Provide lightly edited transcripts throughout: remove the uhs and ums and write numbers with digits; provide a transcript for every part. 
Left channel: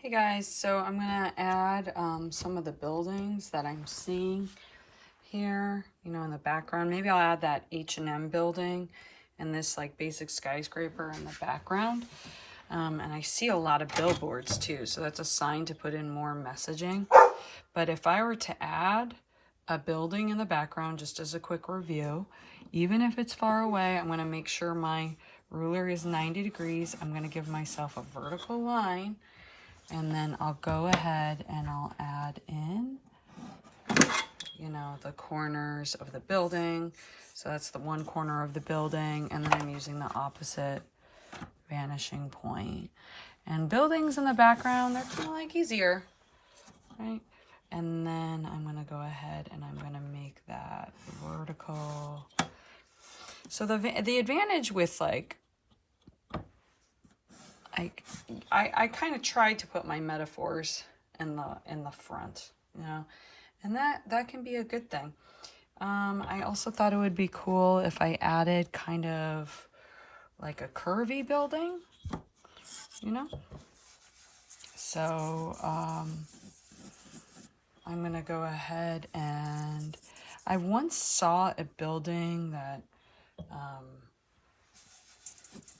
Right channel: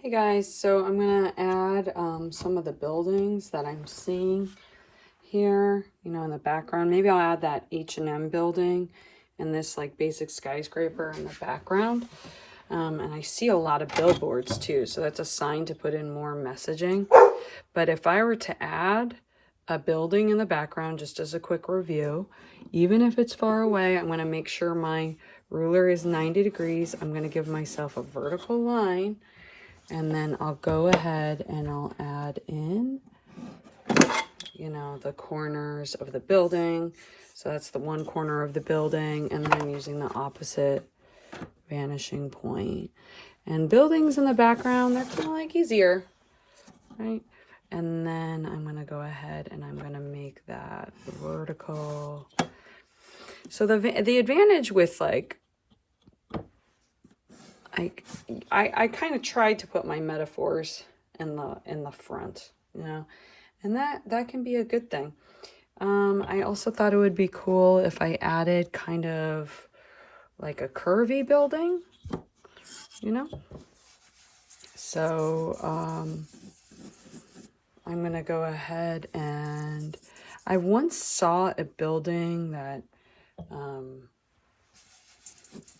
Hey guys, so I'm gonna add some of the buildings that I'm seeing here, in the background. Maybe I'll add that H&M building and this like basic skyscraper in the background. And I see a lot of billboards too, so that's a sign to put in more messaging. But if I were to add a building in the background, just as a quick review, even if it's far away, I'm gonna make sure my ruler is 90 degrees. I'm gonna give myself a vertical line. And then I'll go ahead and I'll add in, the corners of the building. So that's the one corner of the building. And then I'm using the opposite vanishing point. And buildings in the background, they're kind of like easier, right? And then I'm going to go ahead and I'm going to make that vertical. So the advantage with I kind of tried to put my metaphors in the front, and that can be a good thing. I also thought it would be cool if I added kind of like a curvy building, So I'm gonna go ahead and I once saw a building that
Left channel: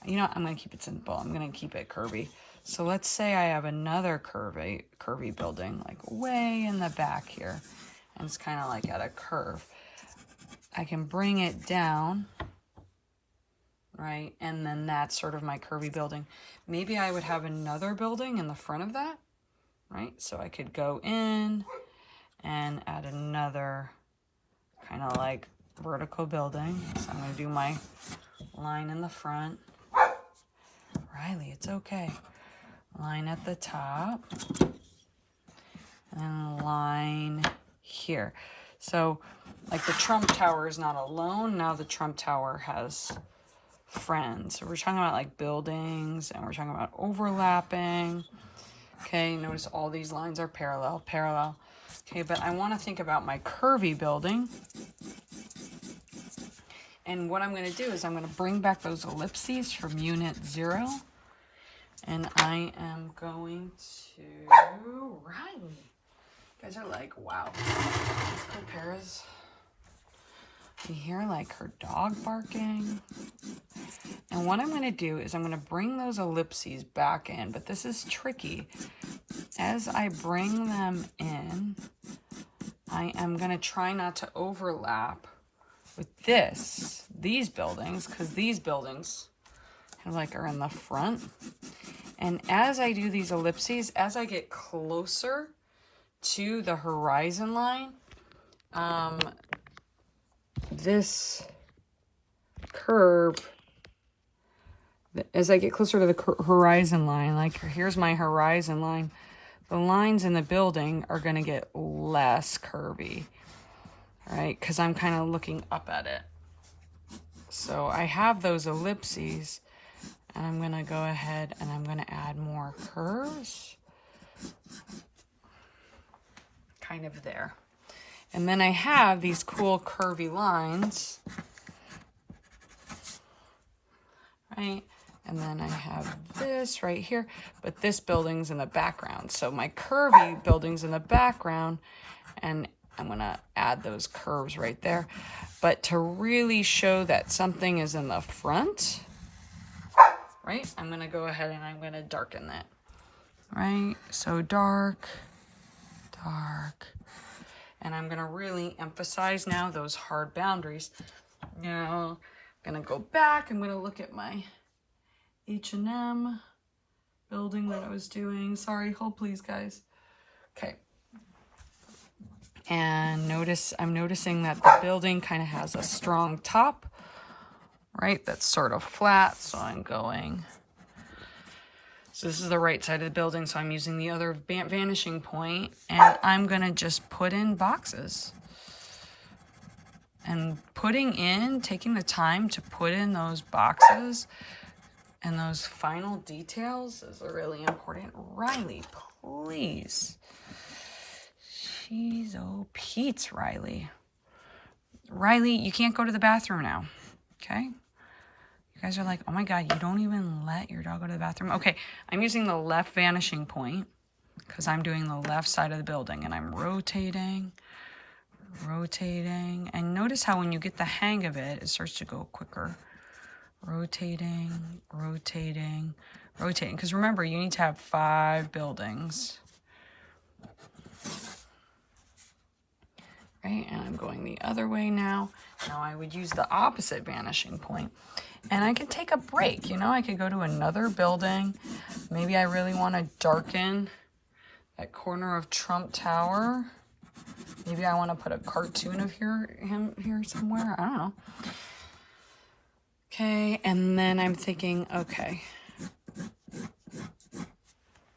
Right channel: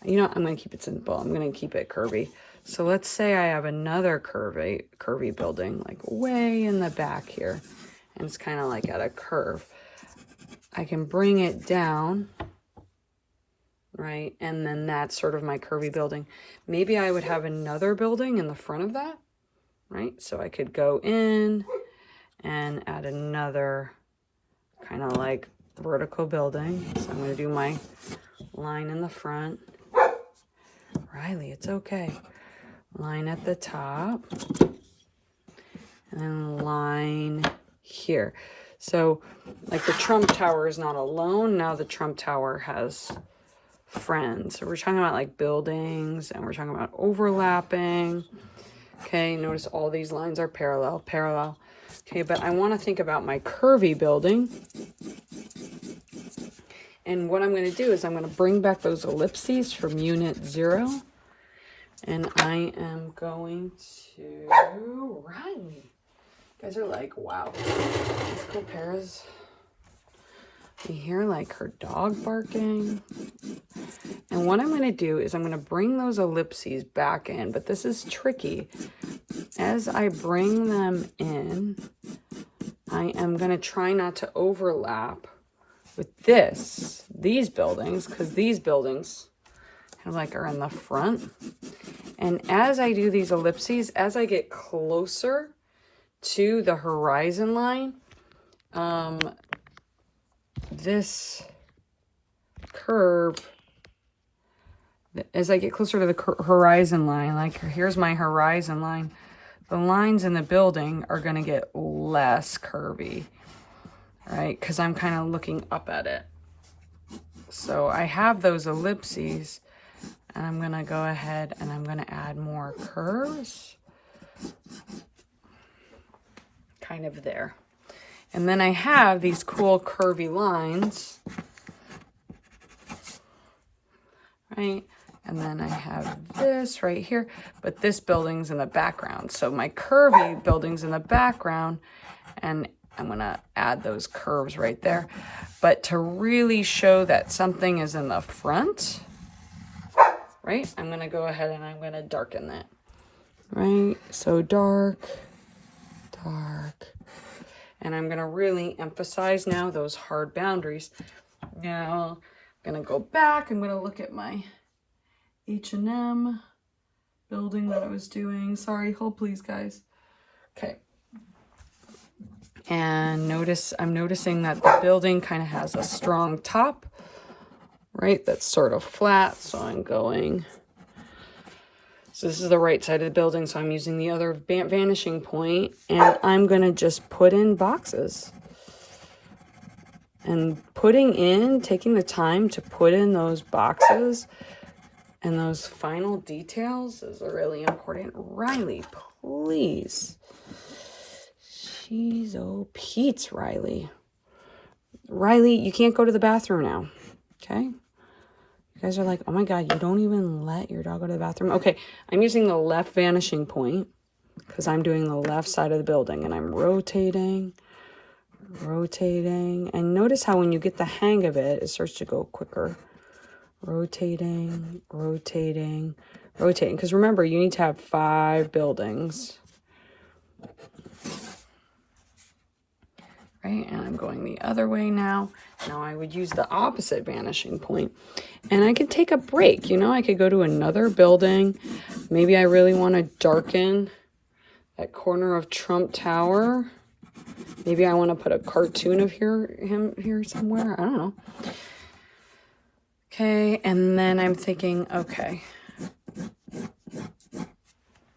I'm going to keep it simple. I'm going to keep it curvy. So let's say I have another curvy building, like way in the back here. And it's kind of like at a curve. I can bring it down, right? And then that's sort of my curvy building. Maybe I would have another building in the front of that, right? So I could go in and add another kind of like vertical building. So I'm going to do my line in the front. Riley, it's okay. Line at the top. And then line here. So, like the Trump Tower is not alone. Now the Trump Tower has friends. So we're talking about like buildings and we're talking about overlapping. Okay, notice all these lines are parallel. Okay, but I want to think about my curvy building. And what I'm going to do is I'm going to bring back those ellipses from unit 0. And I am going to, Riley. You guys are like, wow. Let's go, Paris. You hear like her dog barking. And what I'm going to do is I'm going to bring those ellipses back in. But this is tricky. As I bring them in, I am going to try not to overlap with these buildings, because these buildings kind of like are in the front. And as I do these ellipses, as I get closer to the horizon line, this curve, as I get closer to the horizon line, like here's my horizon line, the lines in the building are going to get less curvy, right? Because I'm kind of looking up at it. So I have those ellipses, and I'm going to go ahead and I'm going to add more curves. Kind of there. And then I have these cool curvy lines, right? And then I have this right here, but this building's in the background. So my curvy building's in the background, and I'm going to add those curves right there. But to really show that something is in the front, right, I'm going to go ahead and I'm going to darken that, right? So dark. And I'm going to really emphasize now those hard boundaries. Now, I'm going to go back. I'm going to look at my H&M building that I was doing. Sorry, hold please, guys. Okay. And I'm noticing that the building kind of has a strong top, right? That's sort of flat. So I'm going, so this is the right side of the building. So I'm using the other vanishing point, and I'm going to just put in boxes. And taking the time to put in those boxes and those final details is really important. Riley, please. Jeez, oh, Pete's, Riley. Riley, you can't go to the bathroom now, okay? You guys are like, oh my God, you don't even let your dog go to the bathroom. Okay, I'm using the left vanishing point, because I'm doing the left side of the building, and I'm rotating, and notice how when you get the hang of it, it starts to go quicker. Rotating, because remember, you need to have 5 buildings. Right, and I'm going the other way now. Now I would use the opposite vanishing point. And I could take a break, you know, I could go to another building. Maybe I really want to darken that corner of Trump Tower. Maybe I want to put a cartoon of him here somewhere. I don't know. Okay, and then I'm thinking, okay,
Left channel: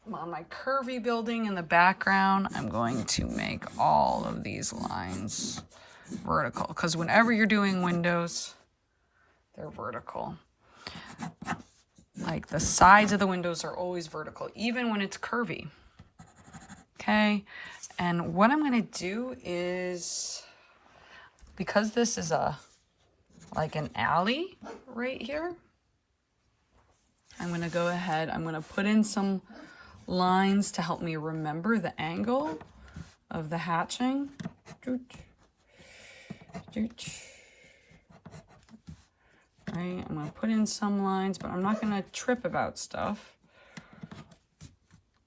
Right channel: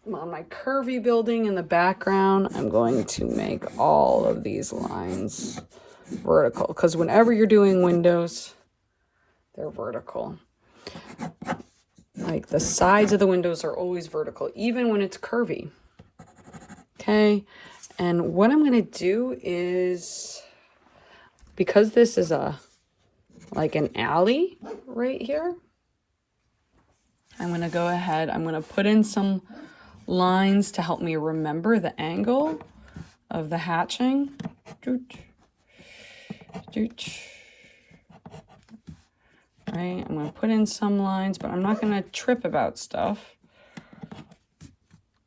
on my curvy building in the background, I'm going to make all of these lines vertical, because whenever you're doing windows, they're vertical. Like the sides of the windows are always vertical, even when it's curvy. Okay, and what I'm going to do is, because this is like an alley right here, I'm going to go ahead, I'm going to put in some lines to help me remember the angle of the hatching. Right, I'm going to put in some lines, but I'm not going to trip about stuff.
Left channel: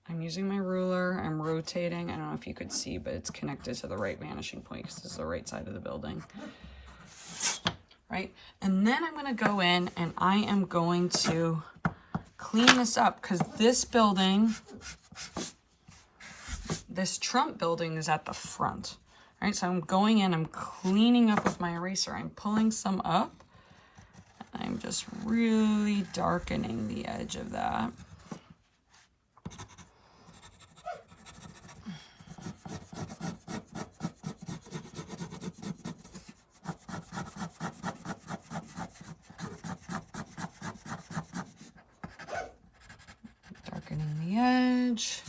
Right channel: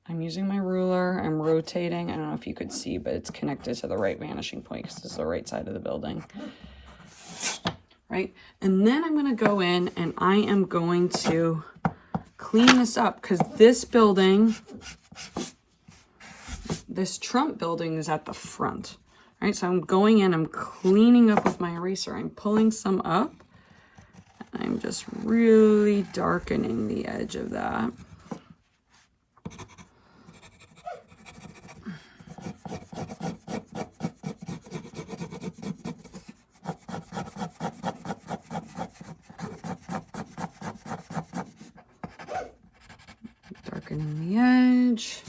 I'm using my ruler, I'm rotating. I don't know if you could see, but it's connected to the right vanishing point because this is the right side of the building. Right, and then I'm going to go in and I am going to clean this up, because this building, this Trump building, is at the front. Right, so I'm going in, I'm cleaning up with my eraser, I'm pulling some up. I'm just really darkening the edge of that. Darkening the edge.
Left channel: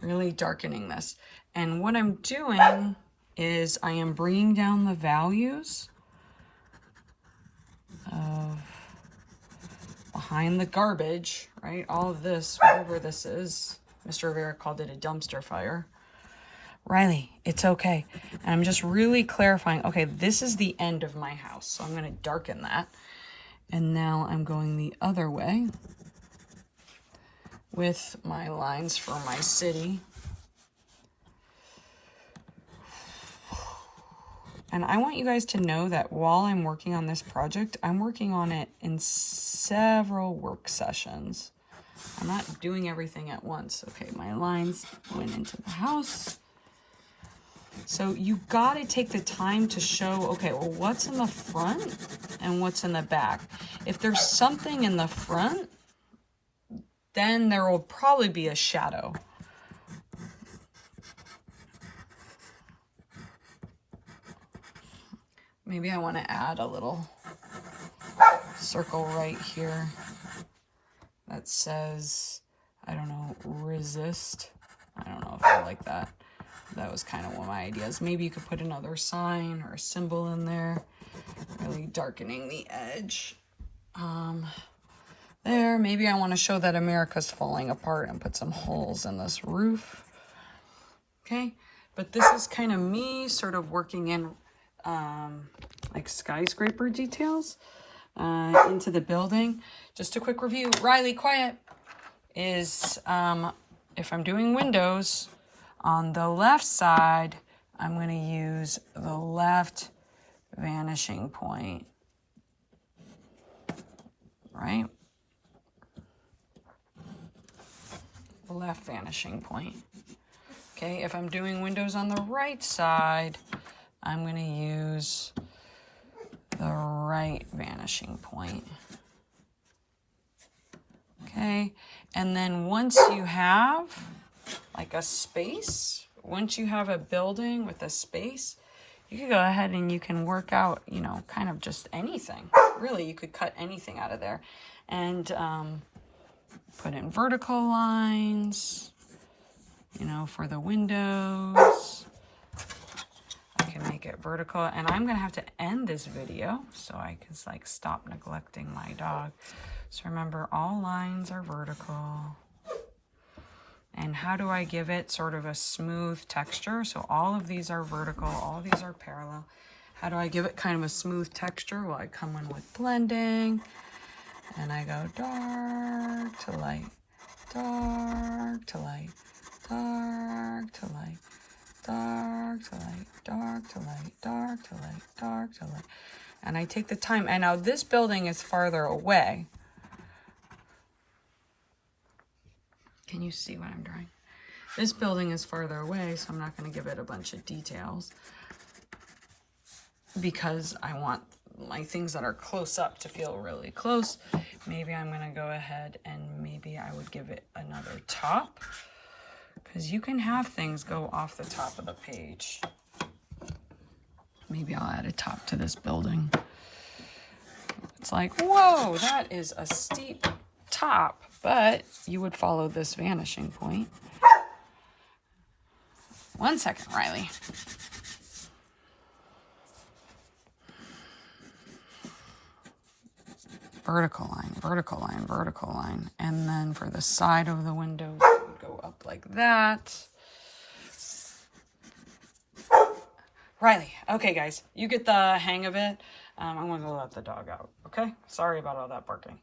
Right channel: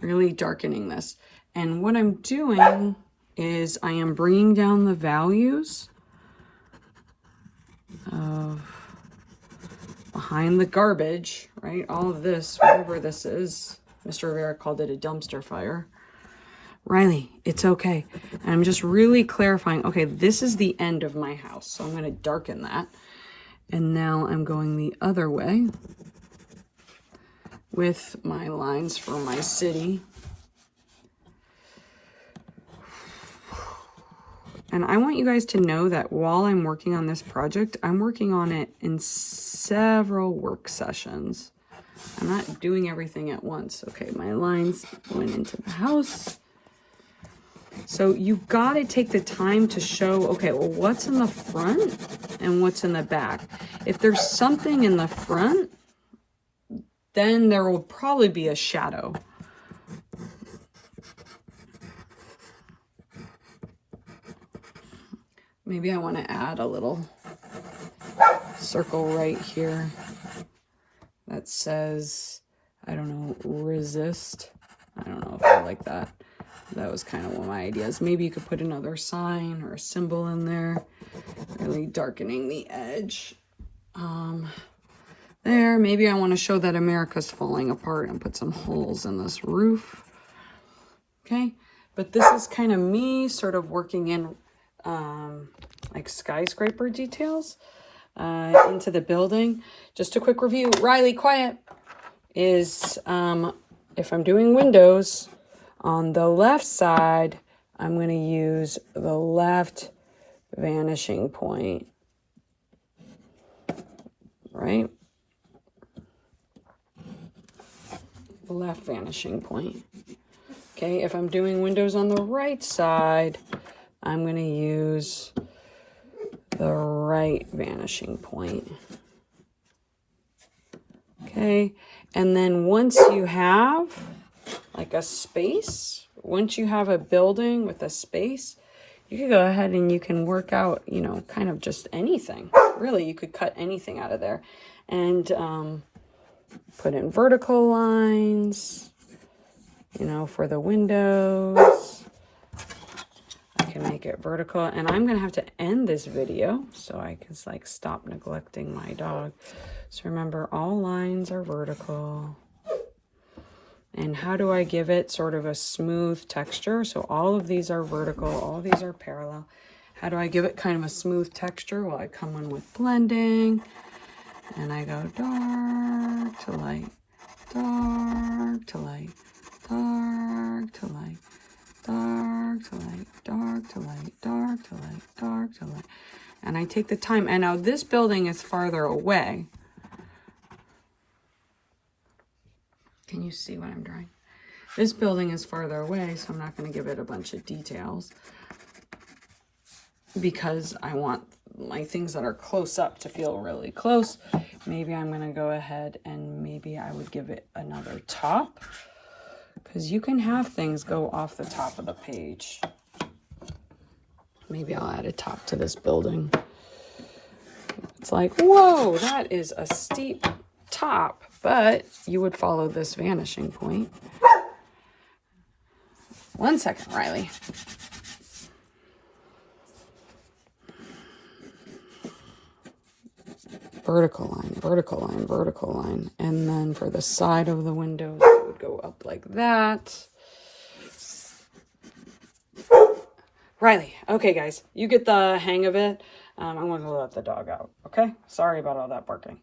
Really darkening this. And what I'm doing is I am bringing down the values of behind the garbage, right? All of this, whatever this is. Mr. Rivera called it a dumpster fire. Riley, it's okay. And I'm just really clarifying, okay, this is the end of my house, so I'm going to darken that. And now I'm going the other way with my lines for my city. And I want you guys to know that while I'm working on this project, I'm working on it in several work sessions. I'm not doing everything at once. Okay, my lines went into the house. So you've got to take the time to show, okay, well, what's in the front and what's in the back. If there's something in the front, then there will probably be a shadow. Maybe I want to add a little circle right here that says, I don't know, resist. I don't know if I like that. That was kind of one of my ideas. Maybe you could put another sign or a symbol in there, really darkening the edge. There, maybe I want to show that America's falling apart and put some holes in this roof. Okay, but this is kind of me sort of working in like skyscraper details into the building. Just a quick review. Riley, quiet. Is if I'm doing windows on the left side, I'm going to use the left vanishing point. Right? Left vanishing point. Okay, if I'm doing windows on the right side, I'm going to use the right vanishing point. Okay, and then once you have like a space, once you have a building with a space, you can go ahead and you can work out, you know, kind of just anything. Really, you could cut anything out of there and put in vertical lines, you know, for the windows. I can make it vertical, and I'm gonna have to end this video so I can like stop neglecting my dog. So remember, all lines are vertical. And how do I give it sort of a smooth texture? So all of these are vertical, all of these are parallel. How do I give it kind of a smooth texture? Well, I come in with blending, and I go dark to light, dark to light, dark to light, dark to light, dark to light, dark to light, dark to light. And I take the time. And now this building is farther away. Can you see what I'm drawing? This building is farther away, so I'm not going to give it a bunch of details because I want my things that are close up to feel really close. Maybe I'm going to go ahead and maybe I would give it another top, because you can have things go off the top of the page. Maybe I'll add a top to this building. It's like, whoa, that is a steep top, but you would follow this vanishing point. 1 second, Riley. Vertical line, vertical line, vertical line. And then for the side of the windows, it would go up like that. Riley, okay guys, you get the hang of it. I'm going to let the dog out, okay? Sorry about all that barking.